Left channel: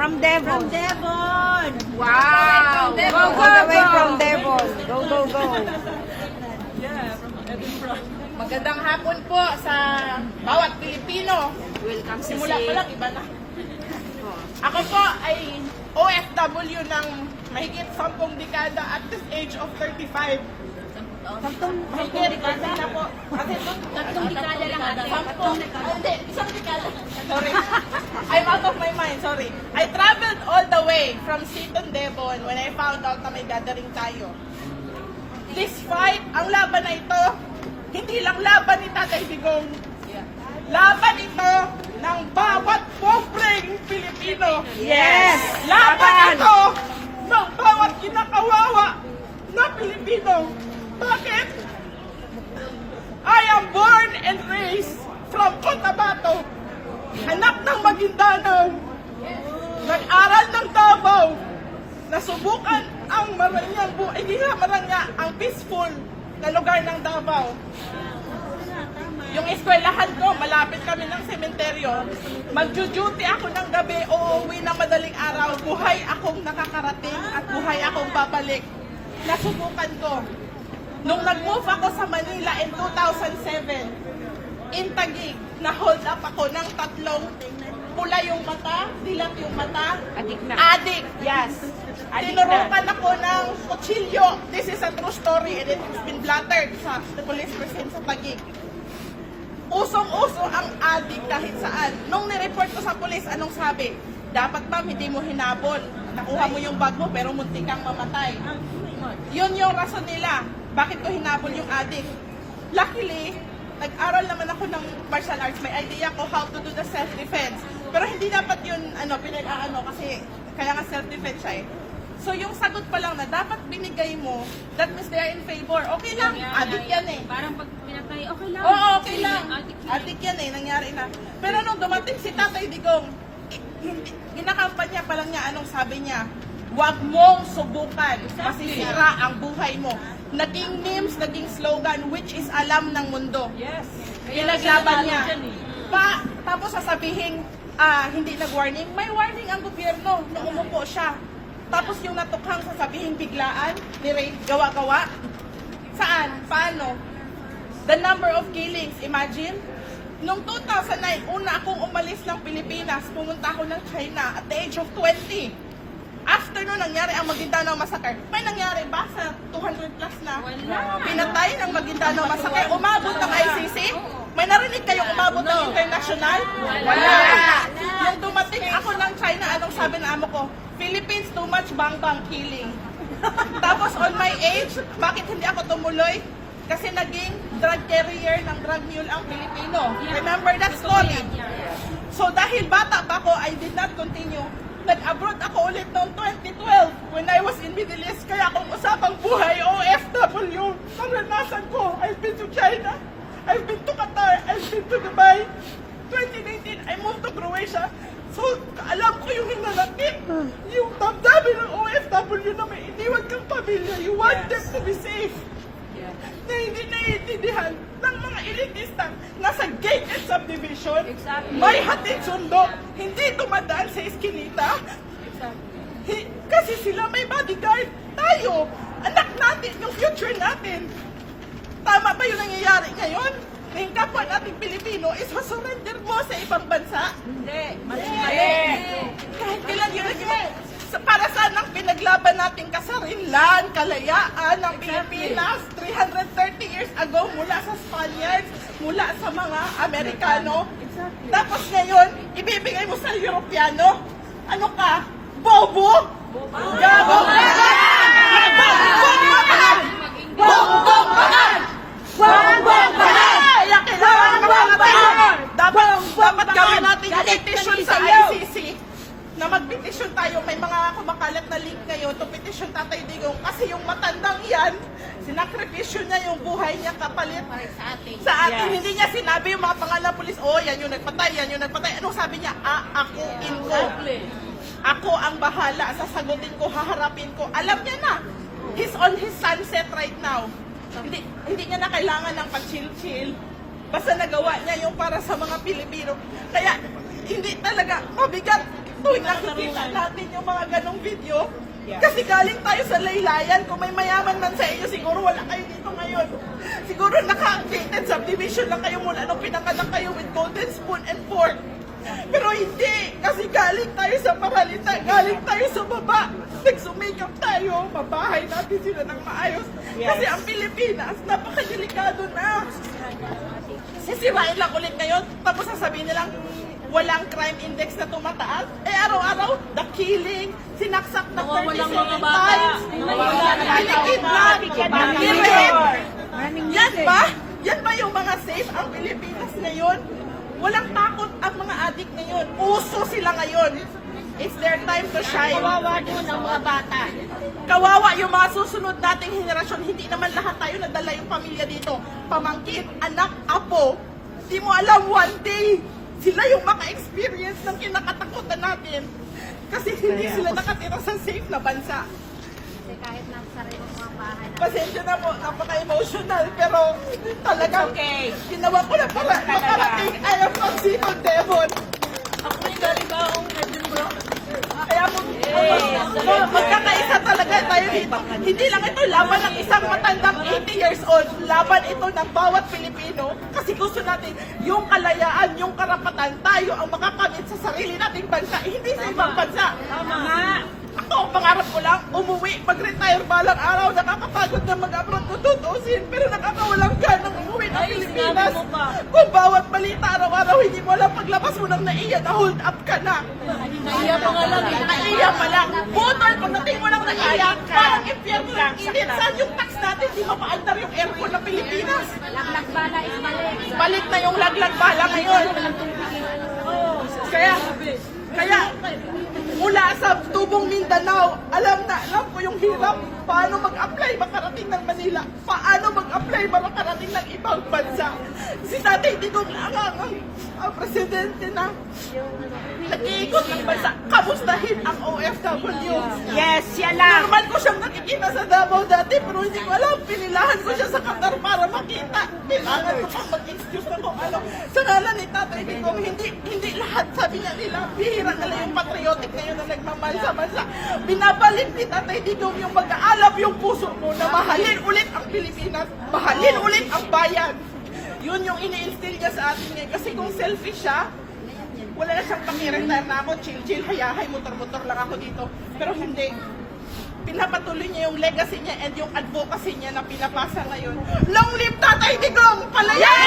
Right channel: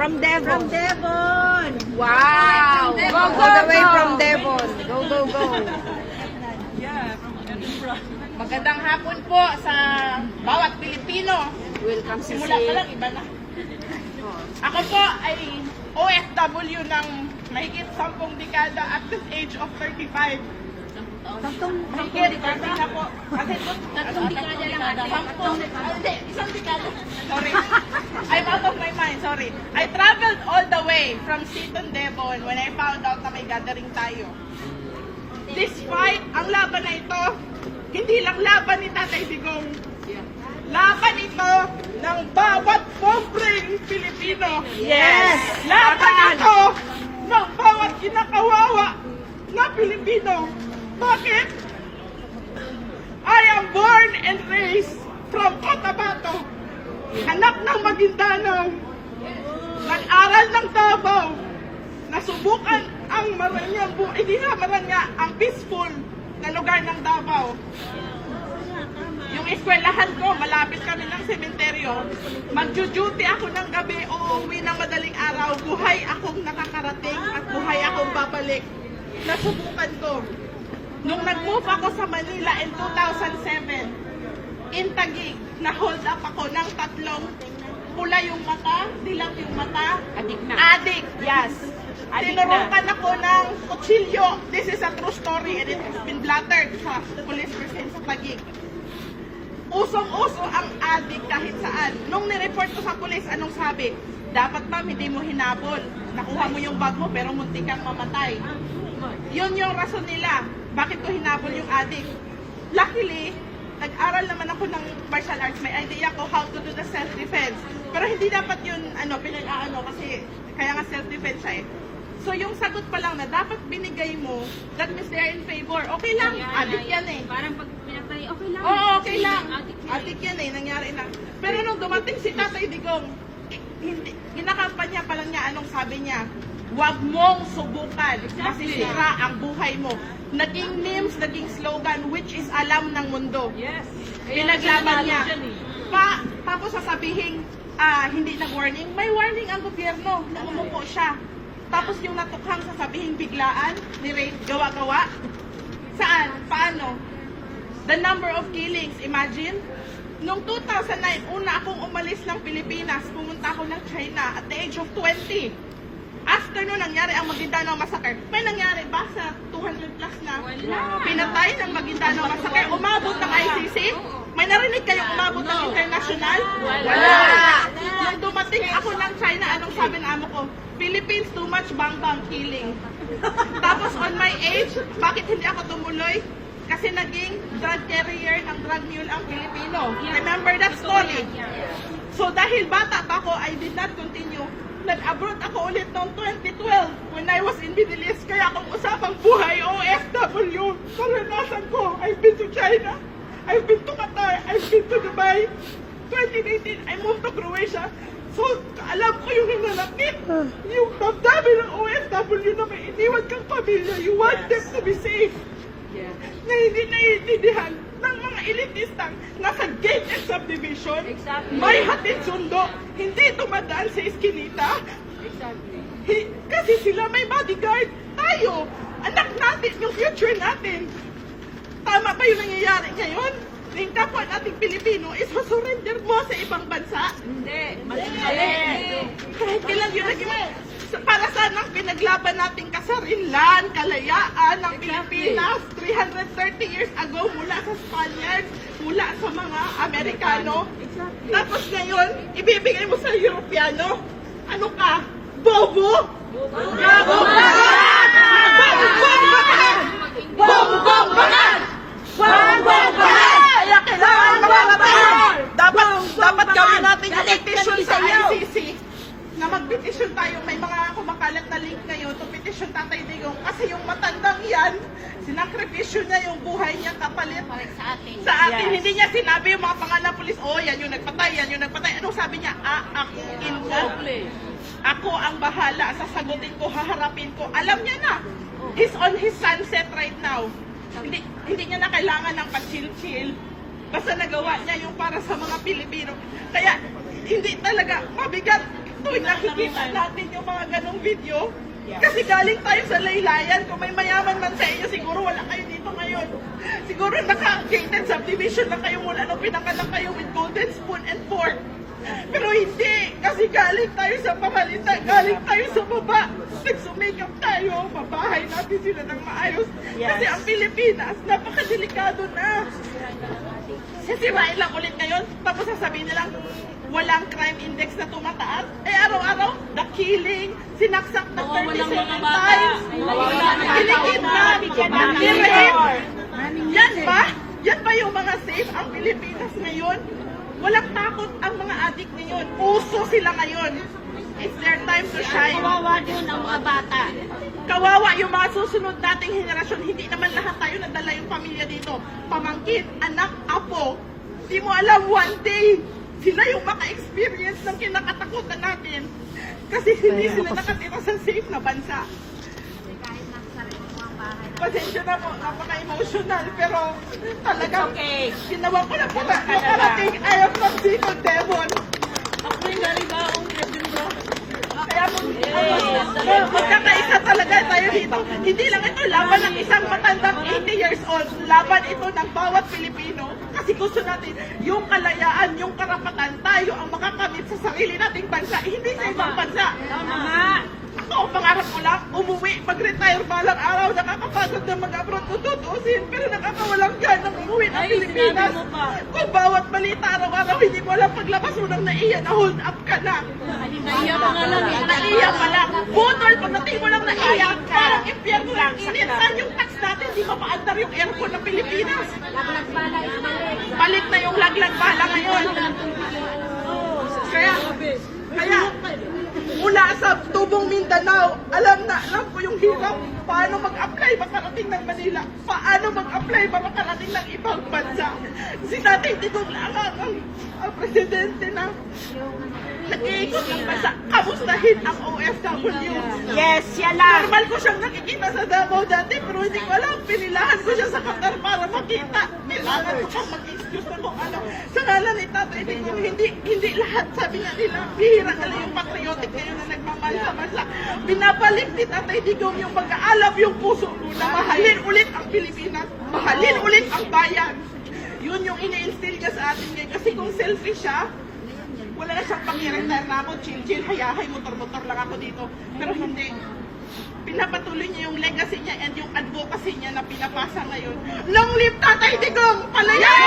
From Devon. From Devon. Wow! Devon. All the way from Devon. Go, go, go. Yeah, from Edinburgh. Magandang hapon po sa bawat Pilipino. Welcome, Simula pa lang, iba na. Ako po ay OFW ng mahigit 10 dekada at this age of 35. Mahigit, na po. Kasi po, 3 dekada lang ata. 10 dekada. Sorry. I'm out of my mind, sorry. I traveled all the way from Seaton, Devon when I found out na may gathering tayo. This fight, ang laban na ito, hindi lang laban ni Tatay Digong. Laban ito ng bawat pobreng Pilipino. Yes! Laban ito ng bawat kinakawawa na Pilipino. Bakit? I am born and raised from Cotabato. Anak ng Maguindanao. Nag-aral ng Davao. Nasubukan ang maranyang buhay. Hindi nga maranya, ang peaceful na lugar ng Davao. Yung eskwelahan ko, malapit kami ng sementeryo. Magjo-duty ako ng gabi o uuwi ng madaling araw. Buhay akong nakakarating at buhay akong babalik. Nasubukan ko. Nung nag-move ako sa Manila in 2007, in Taguig, na-hold up ako ng 3 pula yung mata, dilat yung mata. Adik na. Adik. Yes. Adik na. Tinurukan ako ng kutsilyo. This is a true story and it has been blattered sa police precinct sa Taguig. Usong-uso ang adik kahit saan. Nung nireport ko sa police, anong sabi? Dapat ma'am, hindi mo hinabol. Nakuha mo yung bag mo pero muntik kang mamatay. Yun yung rason nila. Bakit ko hinabol yung adik? Luckily, nag-aral naman ako ng martial arts. May idea ko how to do the self-defense. Pero hindi dapat yun, kasi kaya nga self-defense siya eh. So yung sagot pa lang na dapat binigay mo, that means they are in favor. Okay lang, adik yan eh. Parang pag pinatay, okay lang. Oo, okay lang. Adik yan eh, nangyari na. Pero nung dumating si Tatay Digong, ginakampanya pa lang niya, anong sabi niya? Huwag mong subukan, masisira ang buhay mo. Naging memes, naging slogan, which is alam ng mundo. Yes. Pinaglaban niya. Tapos sasabihin, hindi nag-warning. May warning ang gobyerno na umupo siya. Tapos yung natukhang sasabihin biglaan, gawa-gawa. Saan? Paano? The number of killings, imagine. Noong 2009, una akong umalis ng Pilipinas, pumunta ako ng China at the age of 20. After nun, nangyari ang Maguindanao Massacre. May nangyari ba sa 200 plus na pinatay ng Maguindanao Massacre? Umabot ng ICC? May narinig kayong umabot ng international? Wala! Yung dumating ako ng China, anong sabi na amo ko? Philippines, too much bang-bang killing. Tapos on my age, bakit hindi ako tumuloy? Kasi naging drug carrier ng drug mule ang Pilipino. Remember that story? So dahil bata pa ako, I did not continue. Nag-abroad ako ulit noong 2012 when I was in Middle East. Kaya kung usapang buhay, OFW, karanasan ko. I've been to China, I've been to Qatar, I've been to Dubai. 2018, I moved to Croatia. So, alam ko yung hinanakit, yung damdamin ng OFW na may iniwan kang pamilya. You want them to be safe. Na hindi naiintindihan ng mga elitista nasa gate and subdivision, may hatid sundo, hindi tumadaan sa eskinita. Kasi sila may bodyguard. Tayo, anak natin, yung future natin. Tama ba yung nangyayari ngayon? Na yung kapwa nating Pilipino is surrender mo sa ibang bansa? Hindi. Kahit kailan yun para sana pinaglaban natin kasarinlan, kalayaan ng Pilipinas 330 years ago mula sa Spaniards, mula sa mga Amerikano. Tapos ngayon, ibibigay mo sa Europeano? Ano ka? Bobo? Gabong bagan! Bongbong bagan! Bongbong bagan! Bongbong bagan! Dapat gawin natin yung petition sa ICC na mag-petition tayo. May mga kumakalat na link ngayon to petition Tatay Digong kasi yung matandang yan, sinakripisyo niya yung buhay niya kapalit sa atin. Yes. Hindi niya sinabi yung mga pangalan pulis, yan yung nagpatay, yan yung nagpatay. Anong sabi niya? Akuin ko. Ako ang bahala, sasagutin ko, haharapin ko. Alam niya na. He's on his sunset right now. Hindi niya na kailangan ng pa-chill-chill. Basta nagawa niya yung para sa mga Pilipino. Kaya hindi talaga mabigat tuwing nakikita natin yung mga ganong video, kasi galing tayo sa laylayan, kung may mayaman man sa inyo, siguro wala kayo dito ngayon. Siguro naka-gated subdivision lang kayo mula nung pinanganak kayo with golden spoon and fork. Pero hindi, kasi galing tayo sa pamalitan, galing tayo sa baba. Nagsumikap tayo, mabahay natin sila ng maayos. Kasi ang Pilipinas, napakadelikado na. Sisirain lang ulit ngayon, tapos sasabihin nilang, walang crime index na tumataas. Eh araw-araw, the killing, sinaksak ng 37 times. Yan ba? Yan ba yung mga safe ang Pilipinas ngayon? Walang takot ang mga adik ngayon. Uso sila ngayon. It's their time to shine. Kawawa din ang mga bata. Kawawa yung mga susunod nating henerasyon. Hindi naman lahat tayo nadala yung pamilya dito. Pamangkin, anak, apo. Di mo alam one day, sila yung maka-experience ng kinakatakutan natin. Kasi hindi sila nakatira sa safe na bansa. Kasi kahit nasa sarili mo ang bahay na. Pasensya na po, napaka-emotional. Pero talagang Okay. ginawa ko na para makarating. I am from Sikon, Devon. Ako yung naribaong bro. Kaya magkakaisa talaga tayo dito. Hindi lang ito laban ng isang matandang 80 years old. Laban ito ng bawat Pilipino. Kasi gusto natin yung kalayaan, yung karapatan, tayo ang makakamit sa sarili nating bansa. Hindi sa ibang bansa. Tama. Ako, ang pangarap ko lang, umuwi, mag-retire balang araw, nakakapagod na mag-abroad kung tutusin, pero nakakawalang dyan ng umuwi ng Pilipinas. Kung bawat balita araw-araw, hindi mo alam paglabas mo nang naiyak, na-hold up ka na. Naiyak pa lang. Butol ko, nati mo nang naiyak, parang impyerno ng init. Saan yung tax natin? Di ba maandar yung aircon ng Pilipinas? Laglag bala is balik. Balik na yung laglag bala ngayon. Kaya, mula sa tubong Mindanao, alam ko yung hirap. Paano mag-apply makarating ng Manila? Paano mag-apply makarating ng ibang bansa? Si Tatay Digong lang ang presidente na nag-iikot ng bansa. Kamustahin ang OFW. Yes, yan lang. Normal ko siyang nakikita sa Davao dati, pero hindi ko alam. Pinilahan ko siya sa Qatar para makita. Kailangan ko pang mag-excuse na kung ano. Sa ngalan ni Tatay Digong, hindi lahat, sabi nga nila, hihira nila yung patriotic ngayon na nagmamahal sa bansa. Binabalik ni Tatay Digong yung pag-aalab yung puso mo na mahalin ulit ang Pilipinas, mahalin ulit ang bayan. Yun yung ini-instill niya sa atin ngayon. Kasi kung selfish siya, wala na siyang pakiretire na ako, chill-chill, hayahay, motor-motor lang ako dito. Pero hindi. Pinapatuloy niya yung legacy niya and yung advocacy niya na pinapasa ngayon. Long live Tatay Digong! Palaya! Yes!